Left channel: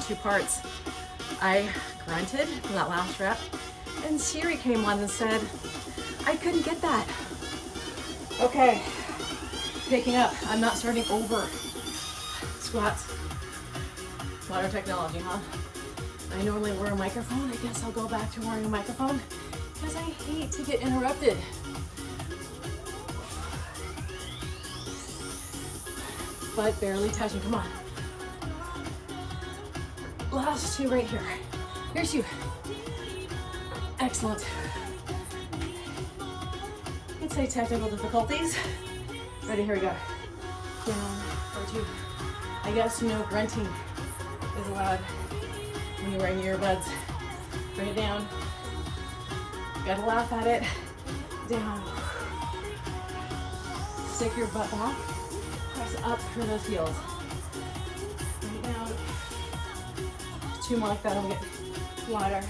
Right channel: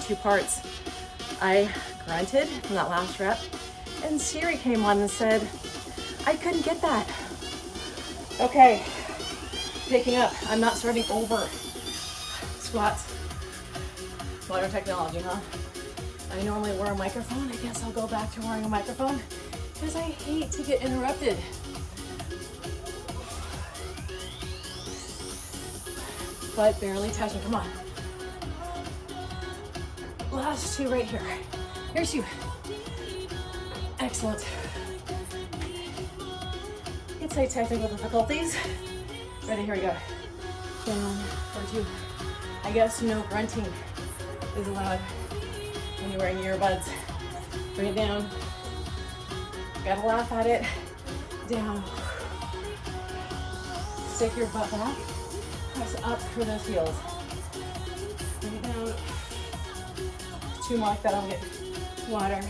in two parts. I grunted for that last rep, and Siri came on and said, I couldn't get that. Okay, picking up. I'm not starting over. Squats. Modern technology, huh? I normally wear a microphone. I guess I'll go back to wearing a microphone because I hate to get interrupted. But barely touching, come on. Last two right here. Here's you. Excellent. Let's say technical difficulties. Ready, here we go. Down for two. I guess you know grunting is allowed when you're wearing earbuds. Bring it down. Gotta laugh at it. Down. Stick your butt back. Press up through those heels. Bring it down. Two more like that. I'll get water.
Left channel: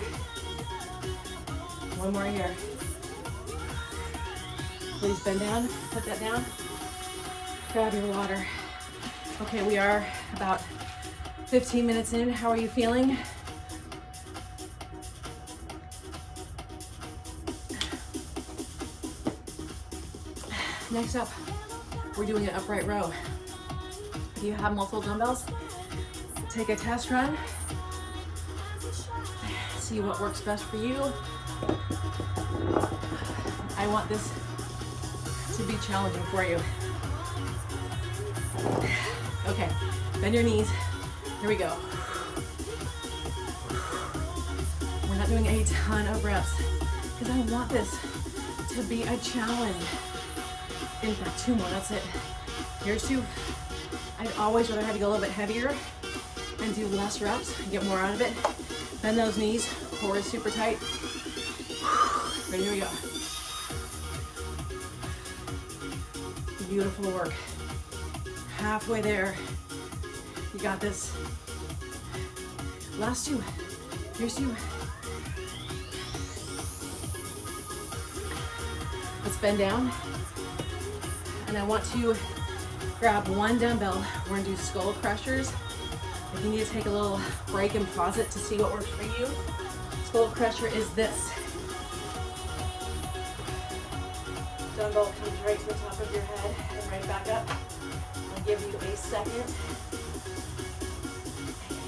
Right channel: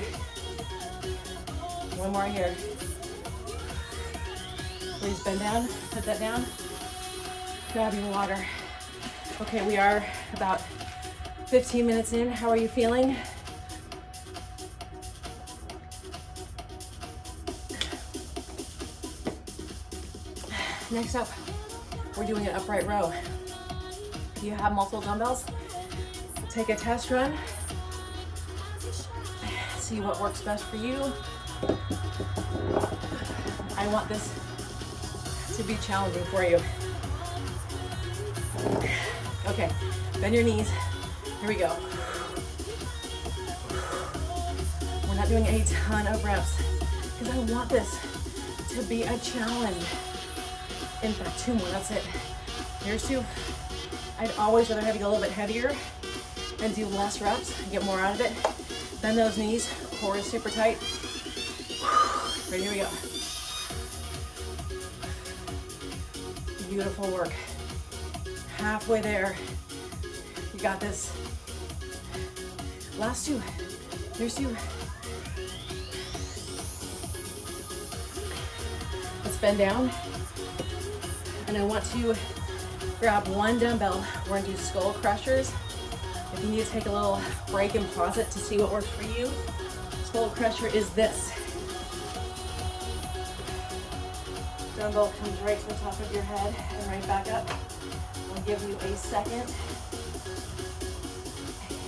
One more here. Please bend down. Put that down. Grab your water. Okay, we are about 15 minutes in. How are you feeling? Next up, we're doing an upright row. Do you have multiple dumbbells? Take a test run. See what works best for you. I want this to be challenging for you. Okay, bend your knees. Here we go. We're not doing a ton of reps because I want this to be a challenge. In fact, two more, that's it. Here's two. I'd always rather have you go a little bit heavier and do less reps and get more out of it. Bend those knees, core is super tight. Ready, here we go. Beautiful work. Halfway there. You got this. Last two. Here's two. Let's bend down. And I want to grab one dumbbell. We're gonna do skull crushers. If you need to take a little break and pause it to see what works for you, skull crusher is this. Dumbbell comes right to the top of your head and right back up. I'll give you a second.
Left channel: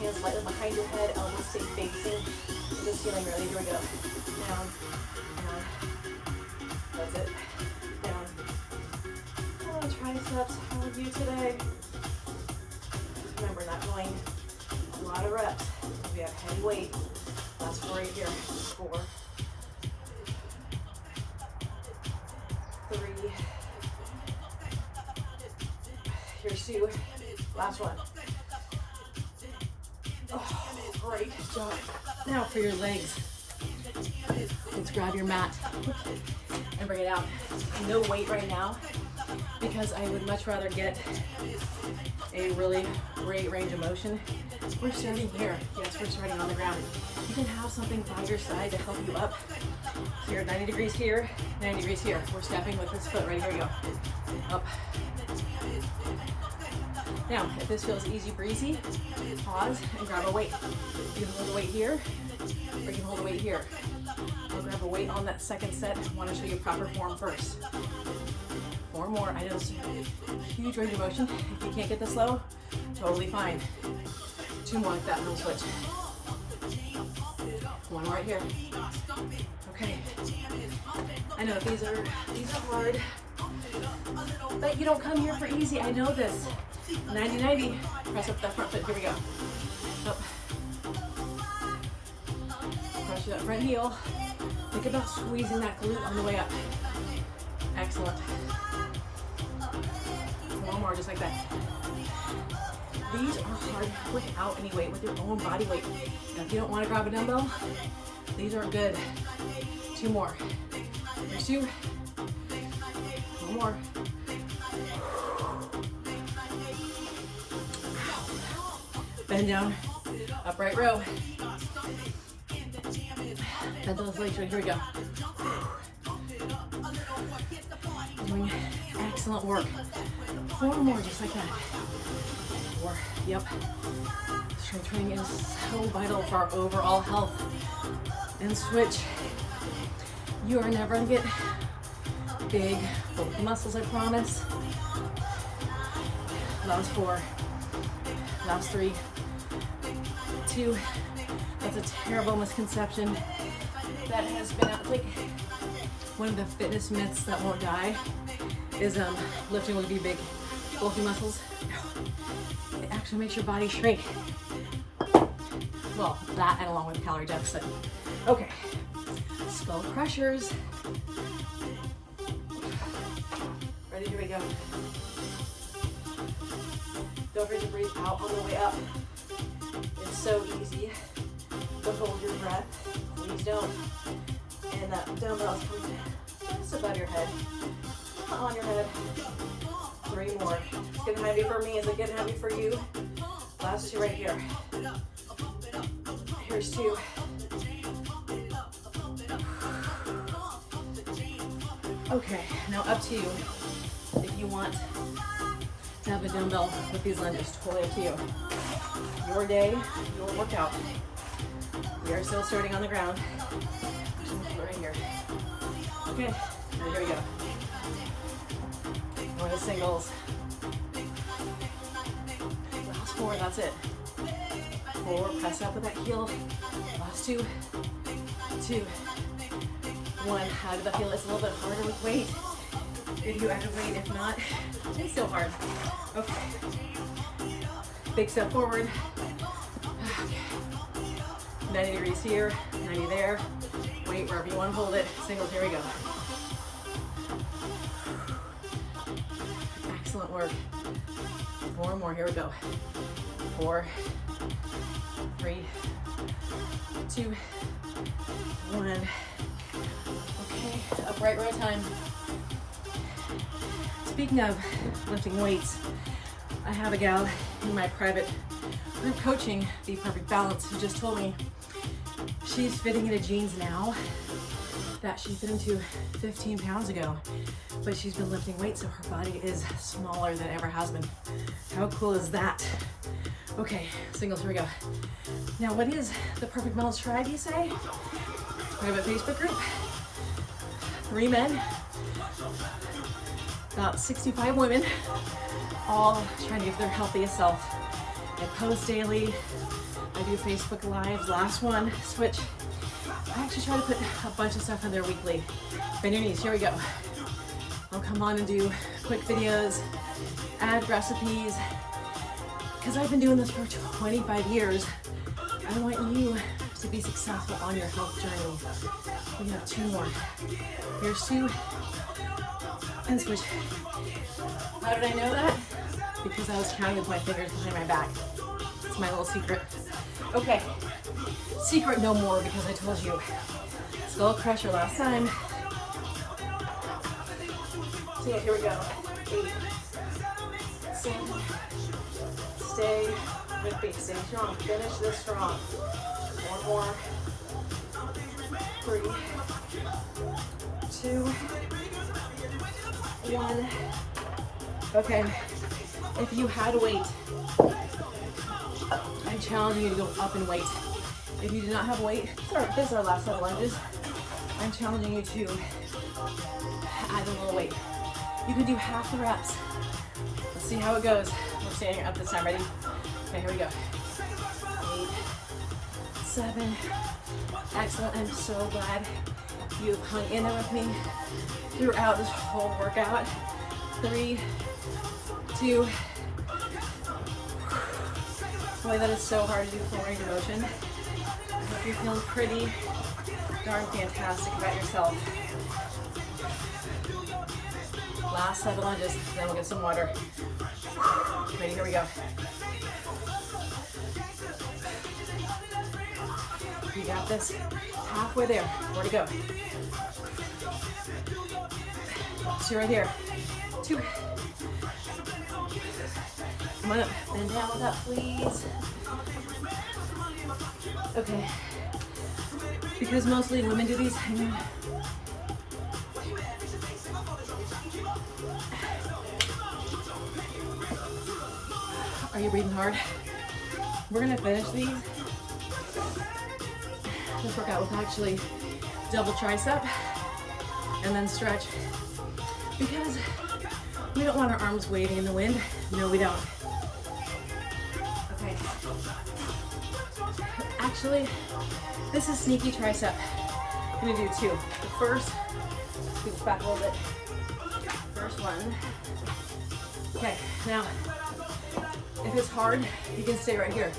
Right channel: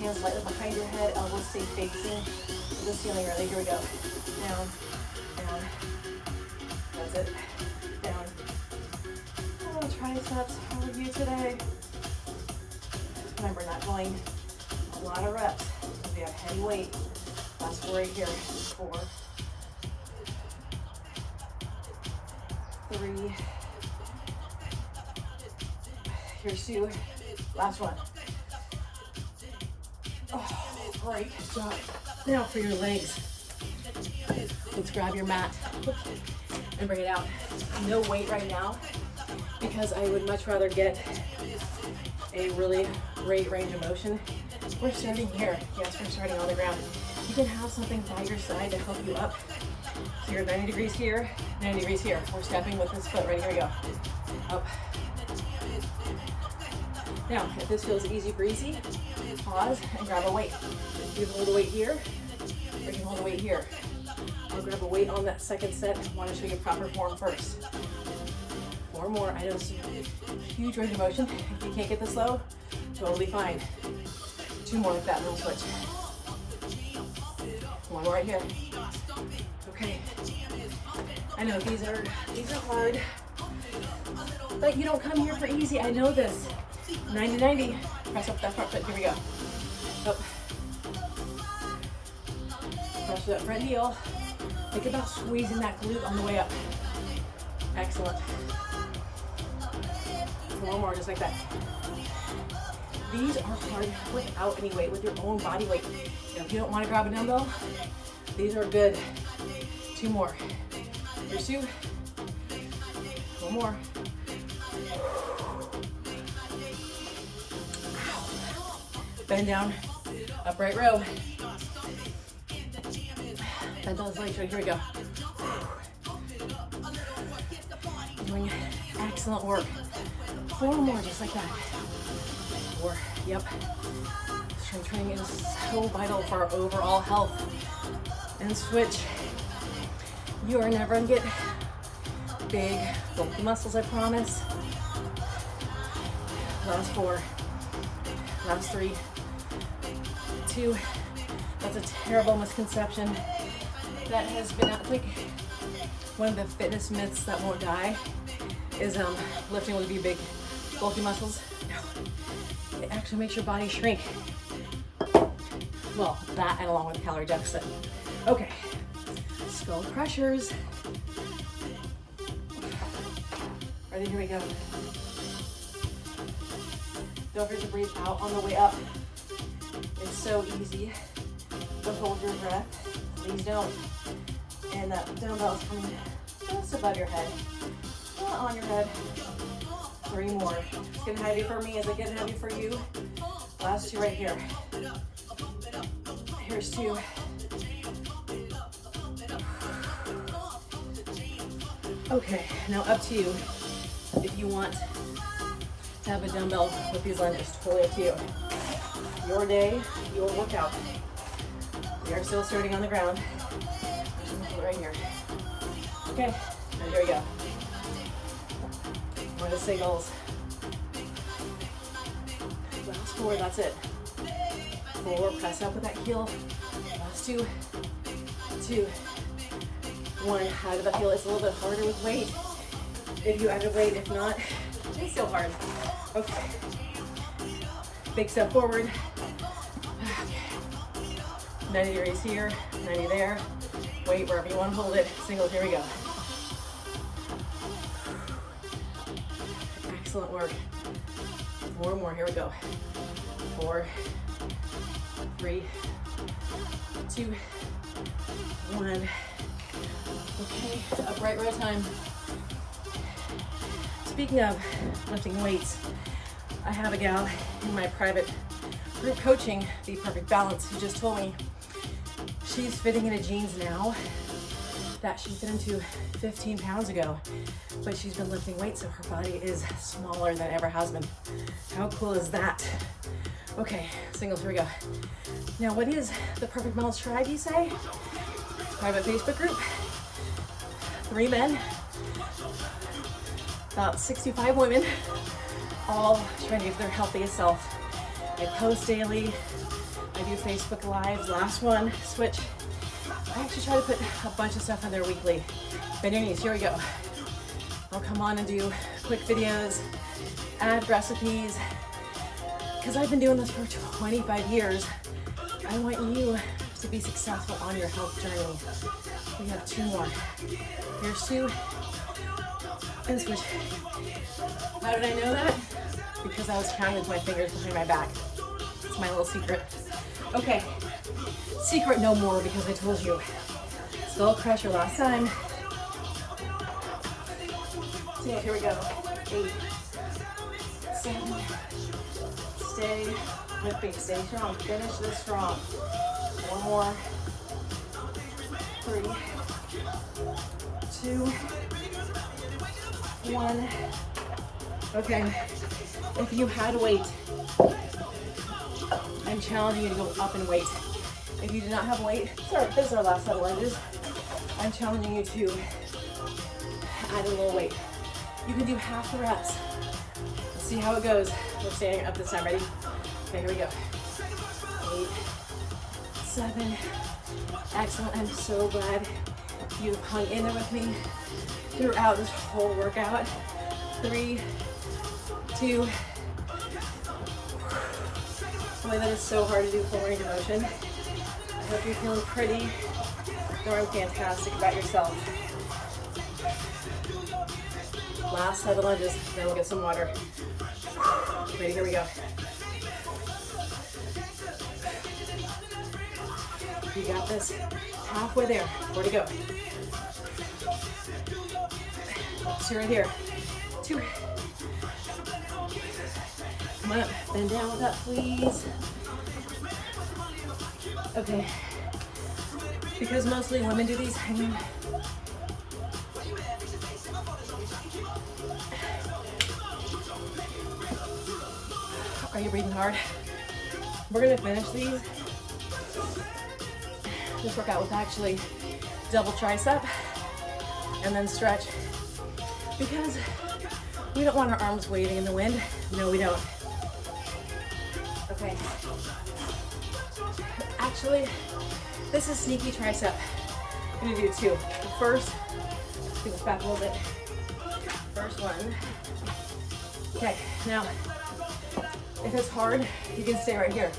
Hands lightly behind your head, elbows stay facing the ceiling. Ready? Here we go. Down, down. That's it. Down. Oh, triceps. How are you today? Remember, not going a lot of reps. We have heavy weight. Last four right here. 4, 3. Here's 2. Last one. Oh, great job. Now for your legs. Let's grab your mat and bring it out. No weight right now because I would much rather get a really great range of motion. We're starting here. Yes, we're starting on the ground. You can have something by your side to help you up. Here, 90 degrees here, 90 degrees here. We're stepping with this foot. Right, here we go. Up. Now, if this feels easy breezy, pause and grab a weight. You can hold a weight here, or you can hold a weight here. I'll grab a weight on that second set. I want to show you proper form first. 4 more. I don't see huge range of motion. If you can't get this low, totally fine. 2 more like that, little switch. 1 more right here. Okay. I know these are hard, but you don't come here for easy. I know this. 90-90. Press up that front foot. Here we go. Up. Push that front heel. Think about squeezing that glute on the way up. Excellent. 1 more, just like that. These are hard without any weight, with your own body weight. Now, if you don't want to grab a dumbbell, these are good. 2 more. Here's 2. 1 more. Bend down, upright row. Bend those legs right here we go. Doing excellent work. 4 more, just like that. 4, yep. Strength training is so vital for our overall health. And switch. You are never gonna get big, bulky muscles, I promise. Last 4. Last 3. 2. That's a terrible misconception that has been like one of the fitness myths that won't die is lifting will be big, bulky muscles. It actually makes your body shrink. Well, that and along with calorie deficit. Okay, skull crushers. Ready? Here we go. Don't forget to breathe out on the way up. It's so easy to hold your breath. Please don't. And that dumbbell is coming just above your head, not on your head. 3 more. It's getting heavy for me. Is it getting heavy for you? Last 2 right here. Here's 2. Okay, now up to you. If you want to have a dumbbell with these lunges, totally up to you. Your day, your workout. We are still starting on the ground. Right here. Okay, and here we go. One of the signals. Last 4, that's it. 4, pressing up with that heel. Last 2, 2, 1. Out of the heel. It's a little bit harder with weight. If you ever weight, if not, it's still hard. Okay. Big step forward. Okay. 90 degrees here, 90 there. Weight wherever you want to hold it. Singles, here we go. Excellent work. 4 more, here we go. 4, 3, 2, 1. Okay, upright row time. Speaking of lifting weights, I have a gal in my private group coaching, The Perfect Balance, who just told me she's fitting into jeans now that she fit into 15 pounds ago, but she's been lifting weights so her body is smaller than it ever has been. How cool is that? Okay, singles, here we go. Now, what is the Perfect Balance Tribe, you say? Private Facebook group. 3 men, about 65 women, all trying to get their healthiest self. I post daily. I do Facebook Lives. Last one, switch. I actually try to put a bunch of stuff on there weekly. Bend your knees, here we go. I'll come on and do quick videos, add recipes. Because I've been doing this for 25 years, I want you to be successful on your health journey. We have 2 more. Here's 2, and switch. How did I know that? Because I was counting with my fingers behind my back. It's my little secret. Okay, secret no more because I told you. Skull crusher last time. So here we go. 8, 7. Stay with me. Stay strong. Finish this strong. 1 more. 3, 2, 1. Okay. If you had weight, I'm challenging you to go up in weight. If you do not have weight, sorry, this is our last set of lunges. I'm challenging you to add a little weight. You can do half the reps. Let's see how it goes. We're standing up this time. Ready? Okay, here we go. 8, 7. Excellent. I'm so glad you've hung in there with me throughout this whole workout. 3, 2. Boy, that is so hard to do full range of motion. I hope you're feeling pretty darn fantastic about yourself. Last set of lunges, and we'll get some water. Ready, here we go. You got this. Halfway there. Where to go? So right here. 2. Come on up. Bend down with that, please. Okay. Because mostly women do these, Are you breathing hard? We're gonna finish these. This workout with actually double tricep and then stretch, because we don't want our arms waving in the wind. No, we don't. Okay. Actually, this is sneaky tricep. I'm gonna do two. The first, scoot this back a little bit. First one. Okay, now, if it's hard, you can stay right here.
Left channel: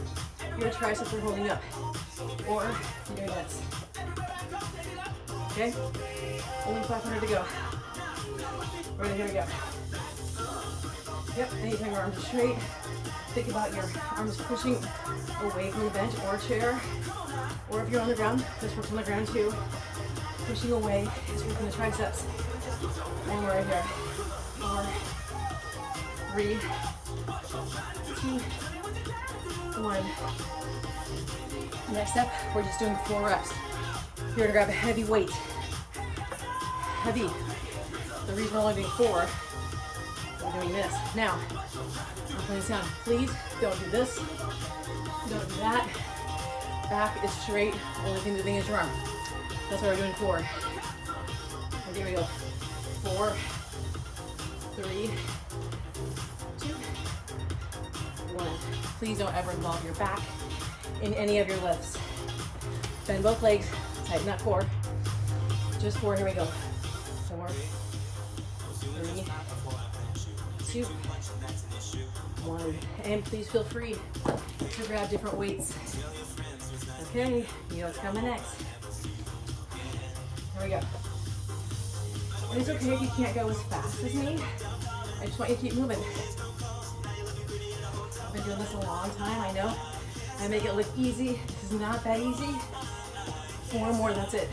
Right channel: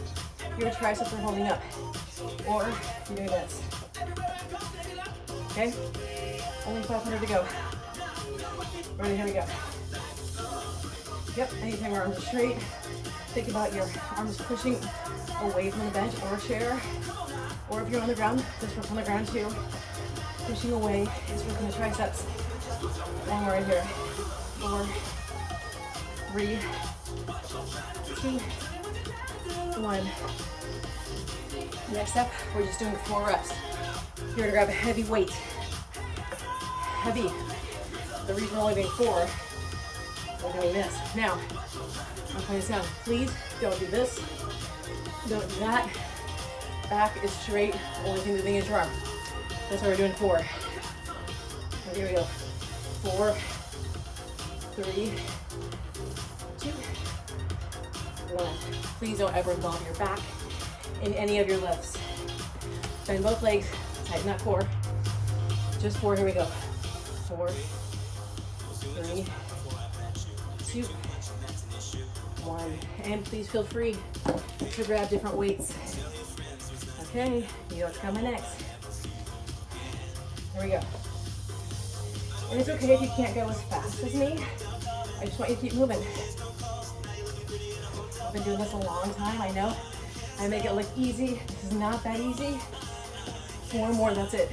Your triceps are holding up. Or you're doing this. Okay? Only 500 to go. Ready, here we go. Yep, anytime your arms are straight, think about your arms pushing away from the bench or chair. Or if you're on the ground, this works on the ground too. Pushing away is working the triceps. One more right here. 4, 3, 2, 1. Next up, we're just doing 4 reps. You're gonna grab a heavy weight. Heavy. The reason we're only doing 4, we're doing this. Now, I'm putting this down. Please don't do this. Don't do that. Back is straight. Only thing moving is your arm. That's what we're doing 4. And here we go. 4, 3, 2, 1. Please don't ever involve your back in any of your lifts. Bend both legs, tighten that core. Just 4, here we go. 4, 3, 2, 1. And please feel free to grab different weights. Okay, you know what's coming next. Here we go. And it's okay if you can't go as fast as me. I just want you to keep moving. I've been doing this a long time, I know. I make it look easy. This is not that easy. 4 more, that's it.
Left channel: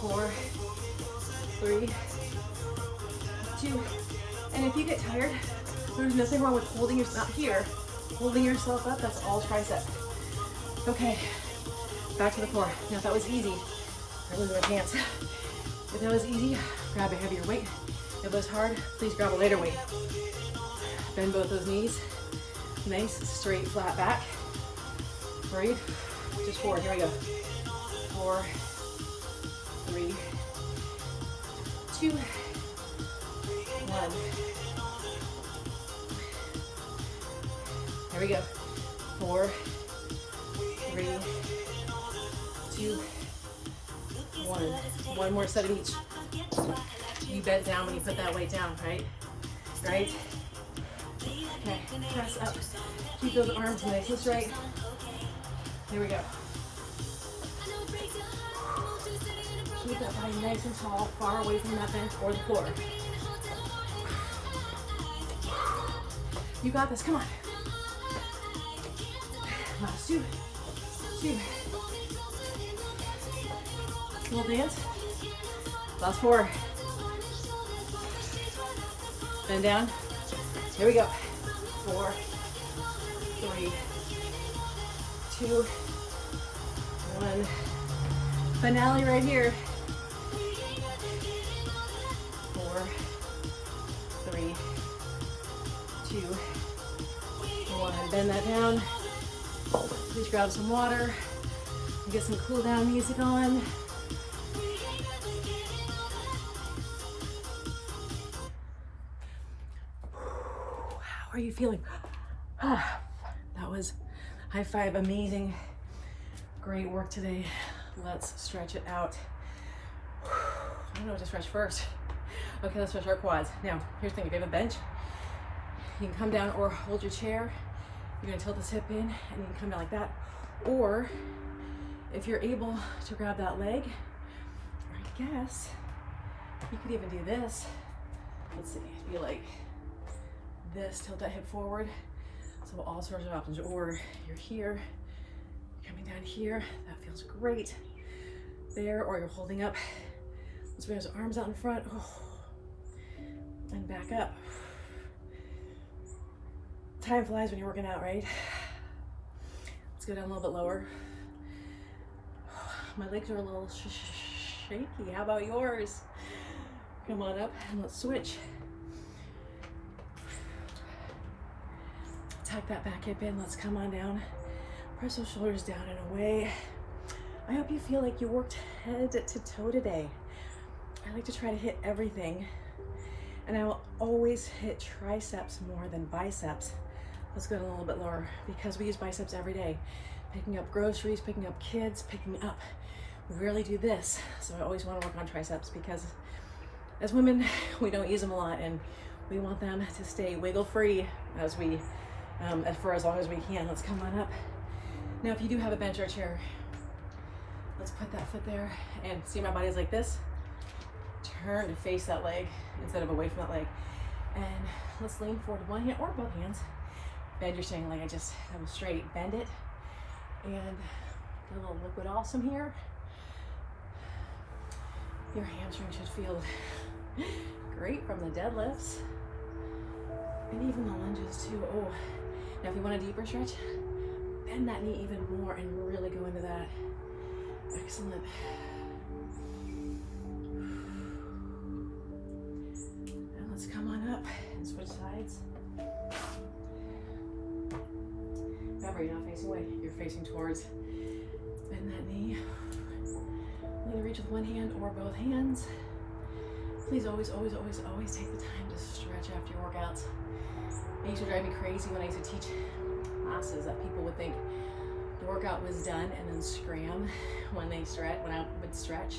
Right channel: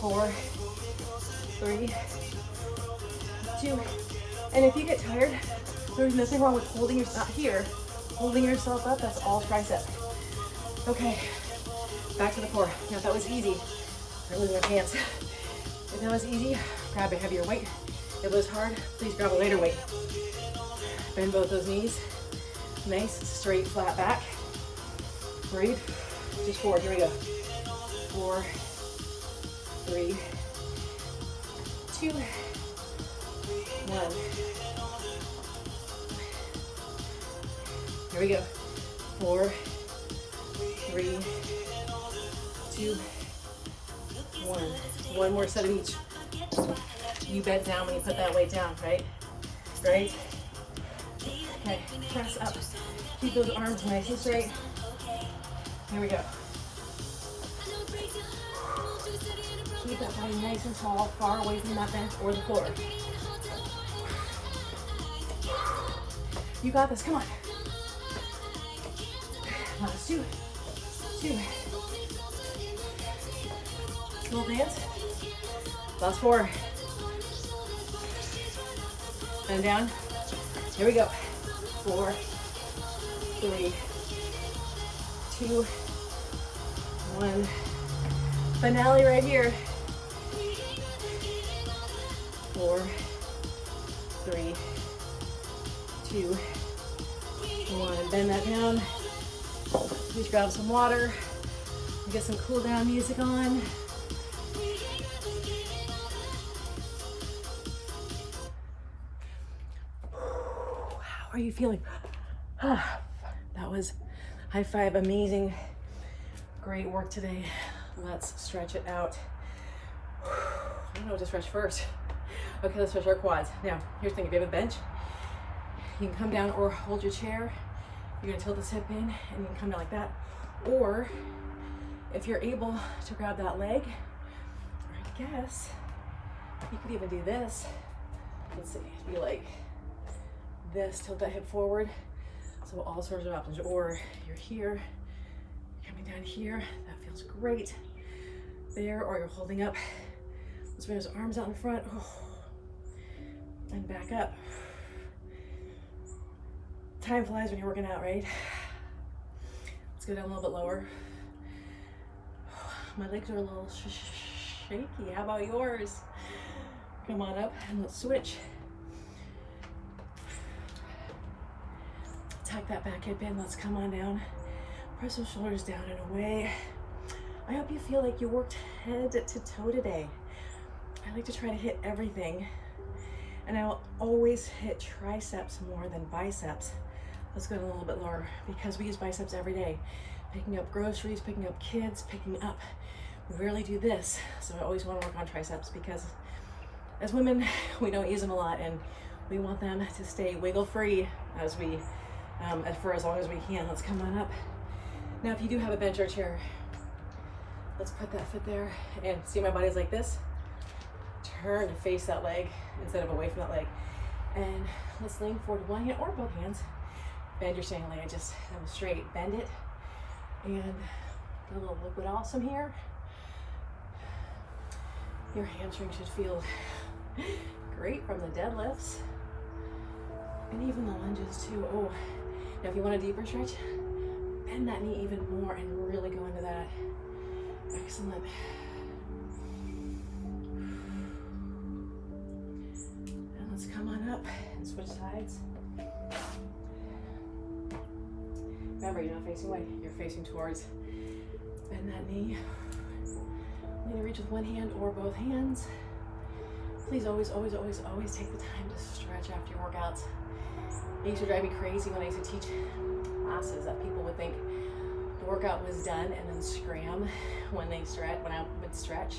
4, 3, 2. And if you get tired, there's nothing wrong with holding yourself here. Holding yourself up, that's all tricep. Okay, back to the core. Now if that was easy, I lose my pants. If it was easy, grab a heavier weight. If it was hard, please grab a lighter weight. Bend both those knees. Nice, straight, flat back. Breathe. Just 4. Here we go. 4, 3, 2, 1. Here we go. 4, 3, 2, 1. One more set of each. You bend down when you put that weight down, right? Right? Okay, press up. Keep those arms nice and straight. Here we go. Keep that body nice and tall, far away from that bench or the floor. You got this, come on. Last 2. Cool hands. Last 4. Bend down. Here we go. 4, 3, 2, 1. Finale right here. 4, 3, 2, 1. Bend that down. Just grab some water. Get some cool down music on. How are you feeling? That was high five, amazing. Great work today. Let's stretch it out. I don't know what to stretch first. Okay, let's stretch our quads. Now, here's the thing, if you have a bench, you can come down or hold your chair. You're gonna tilt this hip in and you can come down like that. Or if you're able to grab that leg, I guess you could even do this. Let's see, be like this, tilt that hip forward. So all sorts of options. Or you're here, coming down here, that feels great. There, or you're holding up. Let's bring those arms out in front. And back up. Time flies when you're working out, right? Let's go down a little bit lower. My legs are a little shaky. How about yours? Come on up and let's switch. tuck that back hip in. Let's come on down. Press those shoulders down and away. I hope you feel like you worked head to toe today. I like to try to hit everything, and I will always hit triceps more than biceps. Let's go a little bit lower because we use biceps every day. Picking up groceries, picking up kids, picking up. We rarely do this, so I always want to work on triceps because as women, we don't use them a lot, and we want them to stay wiggle free as we, for as long as we can. Let's come on up. Now, if you do have a bench or chair, let's put that foot there and see my body's like this. Turn to face that leg instead of away from that leg. And let's lean forward one hand or both hands. Bend your standing leg. I just have them straight. Bend it. And a little liquid awesome here. Your hamstring should feel great from the deadlifts. And even the lunges too. Oh, now if you want a deeper stretch, bend that knee even more and really go into that. Excellent. And let's come on up and switch sides. Remember, you're not facing away, you're facing towards. Bend that knee. I'm gonna reach with one hand or both hands. Please always, always, always, always take the time to stretch after your workouts. It used to drive me crazy when I used to teach classes that people would think the workout was done and then scram when I would stretch.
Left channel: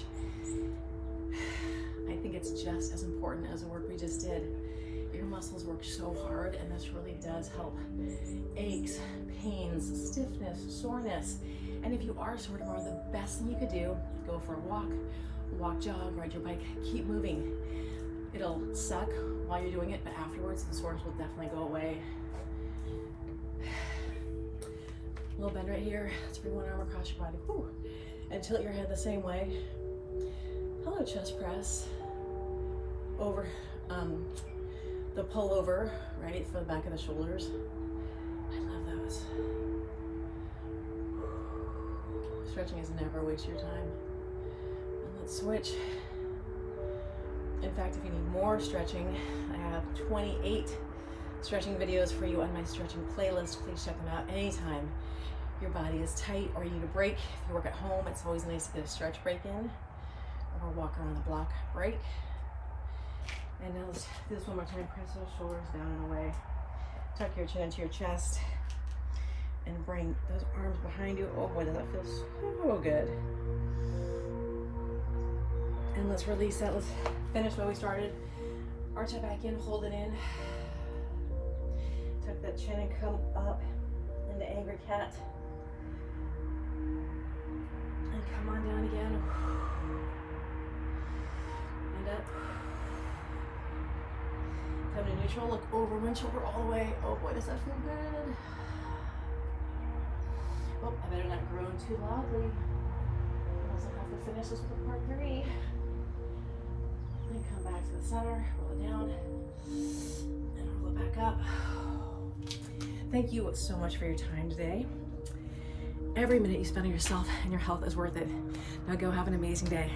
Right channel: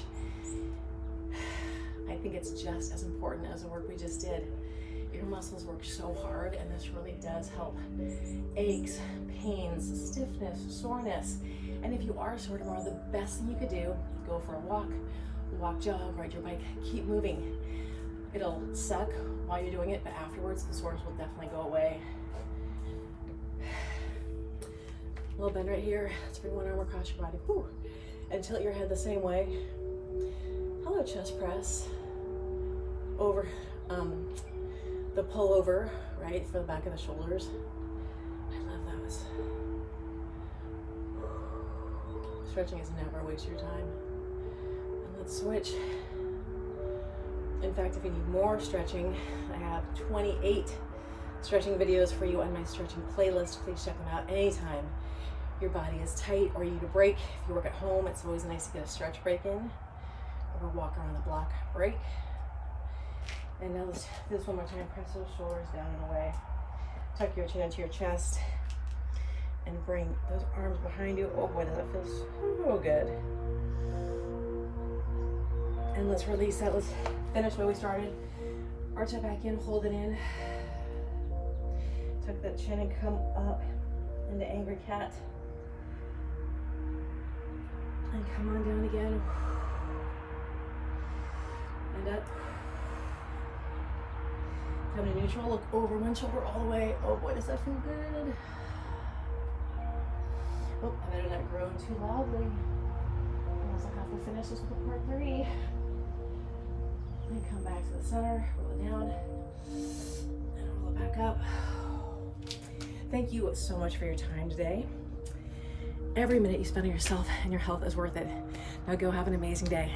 I think it's just as important as the work we just did. Your muscles work so hard, and this really does help aches, pains, stiffness, soreness. And if you are sore tomorrow, the best thing you could do, go for a walk, jog, ride your bike, keep moving. It'll suck while you're doing it, but afterwards the soreness will definitely go away. A little bend right here to bring one arm across your body. Whew. And tilt your head the same way. Hello, chest press. Over the pullover, right, for the back of the shoulders. I love those. Stretching is never a waste of your time. And let's switch. In fact, if you need more stretching, I have 28 stretching videos for you on my stretching playlist. Please check them out anytime your body is tight or you need a break. If you work at home, it's always nice to get a stretch break in, or walk around the block break. And now let's do this one more time. Press those shoulders down and away. Tuck your chin into your chest and bring those arms behind you. Oh boy, does that feel so good. And let's release that. Let's finish what we started. Arch it back in, hold it in. Tuck that chin and come up into angry cat. And come on down again. And up. Come to neutral, look over one shoulder all the way. Oh boy, does that feel good. Oh, I better not groan too loudly. Looks like we finish this with part 3. And come back to the center, roll it down, and roll it back up. Thank you so much for your time today. Every minute you spend on yourself and your health is worth it. Now go have an amazing day.